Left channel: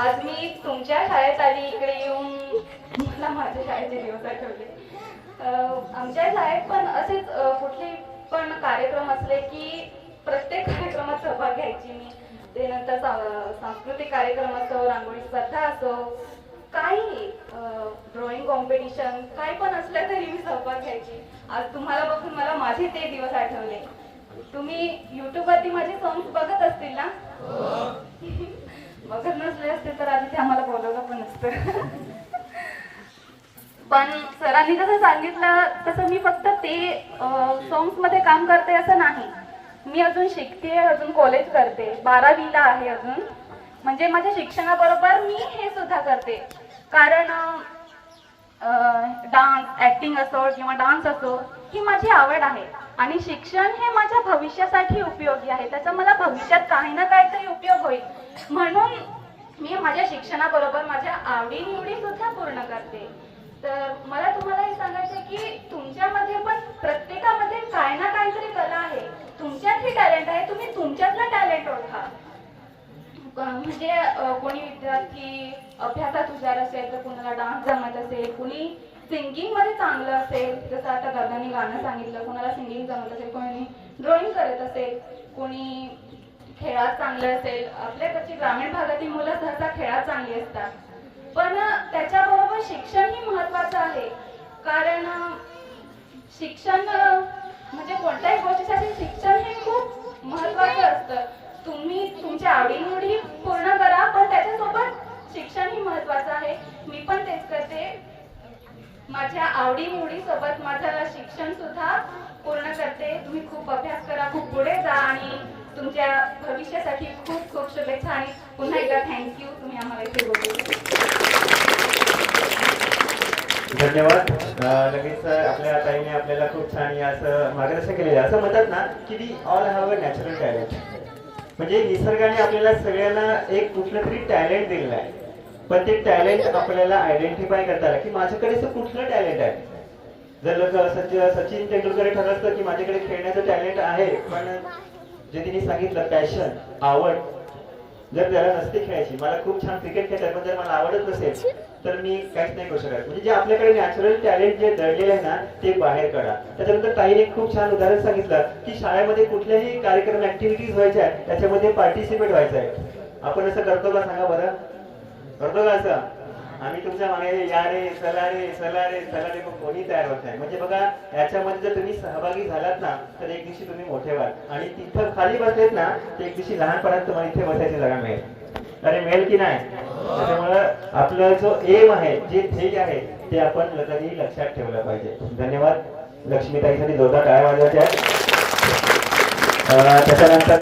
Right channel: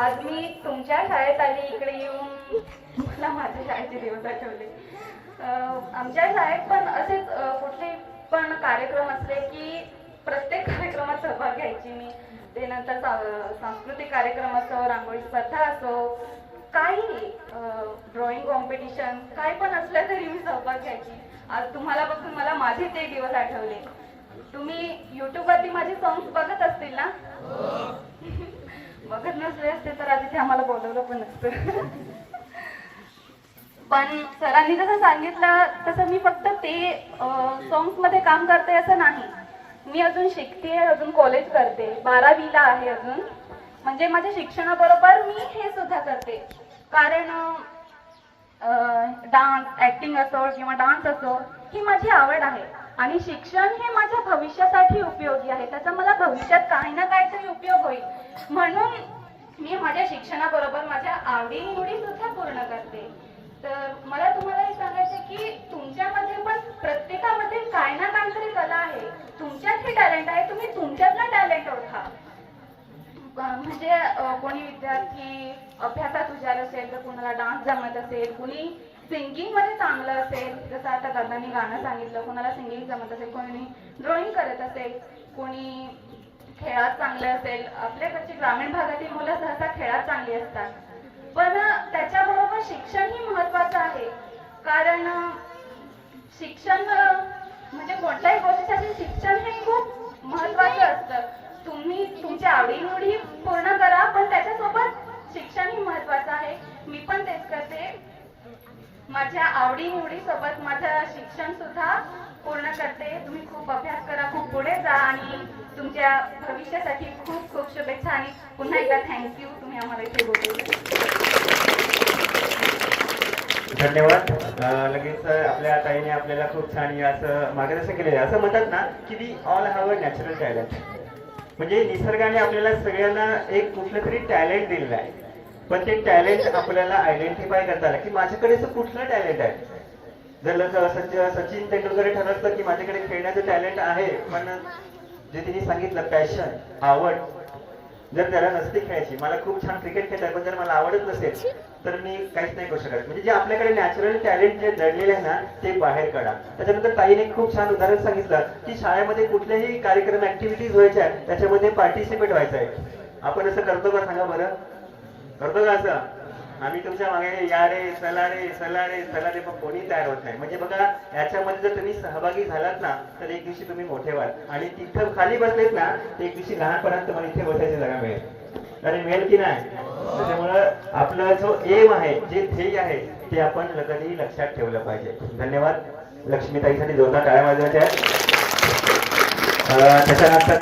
आज मी तुमच्या शाळेत आली इकडे येऊन मला माझ्या शाळेचे दिवस आठवले. आमच्या शाळेत पण असेच कुठले पण कार्यक्रम असले की प्रत्येक कार्यक्रमात सहभाग घ्यायची मी. ते नंतर सांस्कृतिक कार्यक्रम असो, रांगोळी स्पर्धा असो, काही ड्रॉइंग कॉम्पिटिशन काय पण असलं तरी मी सहभाग घ्यायची. आज तुम्हाला बघून मला माझे ते दिवस आठवले. तुम्ही युट्यूबवरती माझे सॉंग्स बघत असतील ना? बघत नसले असते तर आधी ते आम्हाला बोलवलं पण नसतं. पण सरांनी जसं सांगितलं तसं मी फक्त ते सॉंग्स मध्ये काम करते असं नाही. मी अजून शिकते, अजून कॉलेज करते, 12वीला आहे अजून. म्हणजे माझ्या शिक्षणाबरोबर मी हे सुद्धा करते. कारण डान्स, ऍक्टिंग असो किंवा डान्स असो ही माझी आवड आहे. आणि शिक्षण हे माझ्या भविष्यासाठी उपयोगी आहे. त्याचा मला भविष्यात काही ना काहीतरी उपयोग होईल म्हणून मी माझ्या शिक्षणाबरोबर माझ्या आवडीनिवडी सुद्धा पूर्ण करते. तर मला तुम्हाला हे सांगायचं की तुमच्यामध्ये पण प्रत्येकामध्ये काय ना काहीतरी कला आहे. तुमच्यात ही टॅलेंट आहे, तुम्ही तुमच्यातलं टॅलेंट ओळखा. म्हणजे कोणी विद्यार्थी अभ्यासात हुशार असेल तर कोणाला डान्स जमत असेल, कुणी सिंगिंग मध्ये चांगलं असेल, जसं आता दादांनी गाणं सांगितलं, कोणाला सिंगिंग जमत असेल, कोणी ड्रॉइंग करत असेल, कोणी खेळात चांगले असेल. आपल्याकडची ग्रामीण भागातील मुलं सहसा खेळात चांगली असतात. पण त्याच्याबरोबर शिक्षण ही महत्वाचं आहे. कारण शिक्षण म्हणजे कोणत्याही गोष्टीसाठी शिक्षण हे खूप महत्वाचं असतं. तुम्ही तुमच्या आवडीनिवडी पूर्ण करा, पण त्याच्यासोबत शिक्षण ही महत्वाचं आहे. मी पण तेच करते. माझ्या आवडीनिवडी सोबत माझं शिक्षण सुद्धा पूर्ण करते. तुम्ही खूप अभ्यास करा, खूप पुढे जा आणि तुमच्या भविष्यासाठी खूप खूप शुभेच्छा. आणि पुन्हा एकदा थँक्यू, तुम्ही आम्हाला इथे बोलवलं. धन्यवाद. लगेच आपल्या ताईने आपल्याला खूप छान असं मार्गदर्शन केलेलं आहे. असं म्हणतात ना की we all have a natural talent. म्हणजे निसर्गाने आपल्याला सगळ्यांना एक कुठलं तरी टॅलेंट दिलेलं आहे. पण ते टॅलेंट आपल्याला आयडेंटिफाय करता आलं की माझ्याकडे असं कुठलं टॅलेंट आहे. जर सचिन तेंडुलकर ठरलं असतं की माझ्याकडे खेळण्याचं टॅलेंट आहे, पण जे तिने सांगितलं पॅशन, आवड, जर त्याला नसते खेळायची, मला खूप छान क्रिकेट खेळतात पण जर मला आवडत नसेल तर मी काहीच नाही करू शकत. म्हणजे जे आपल्याकडे नॅचरल टॅलेंट जे दडलेले आहे ना ते बाहेर काढा. त्याच्यानंतर ताईने खूप छान उदाहरण सांगितलं की शाळेमध्ये कुठल्याही कार्यक्रम ऍक्टिव्हिटीज व्हायच्या त्याच्यामध्ये पार्टिसिपेट व्हायचं आहे. आपण असं करतो का सांगा बरं? करतो का असं? आम्ही तुमच्या मागे या रे चला रे चला रे चला रे, पण कोणी तयार होत नाही. म्हणजे बघा याच्यामध्ये जर तुम्ही सहभागी झालात ना तर एक दिवशी तुम्ही मोठे व्हाल. आणि तिथं खाली बसलेत ना तर एक दिवशी लहानपणात तुम्हाला इथे बसायची जागा मिळेल. अरे मिळेल की नाही? त्याच्यामुळं आपला जो एम आहे, जे ध्येय आहे ते आपण कधीही लक्षात ठेवलं पाहिजे. धन्यवाद. लक्ष्मीताईसाठी जोरदार टाळ्या वाजवायच्या आहेत. त्याच्यानंतर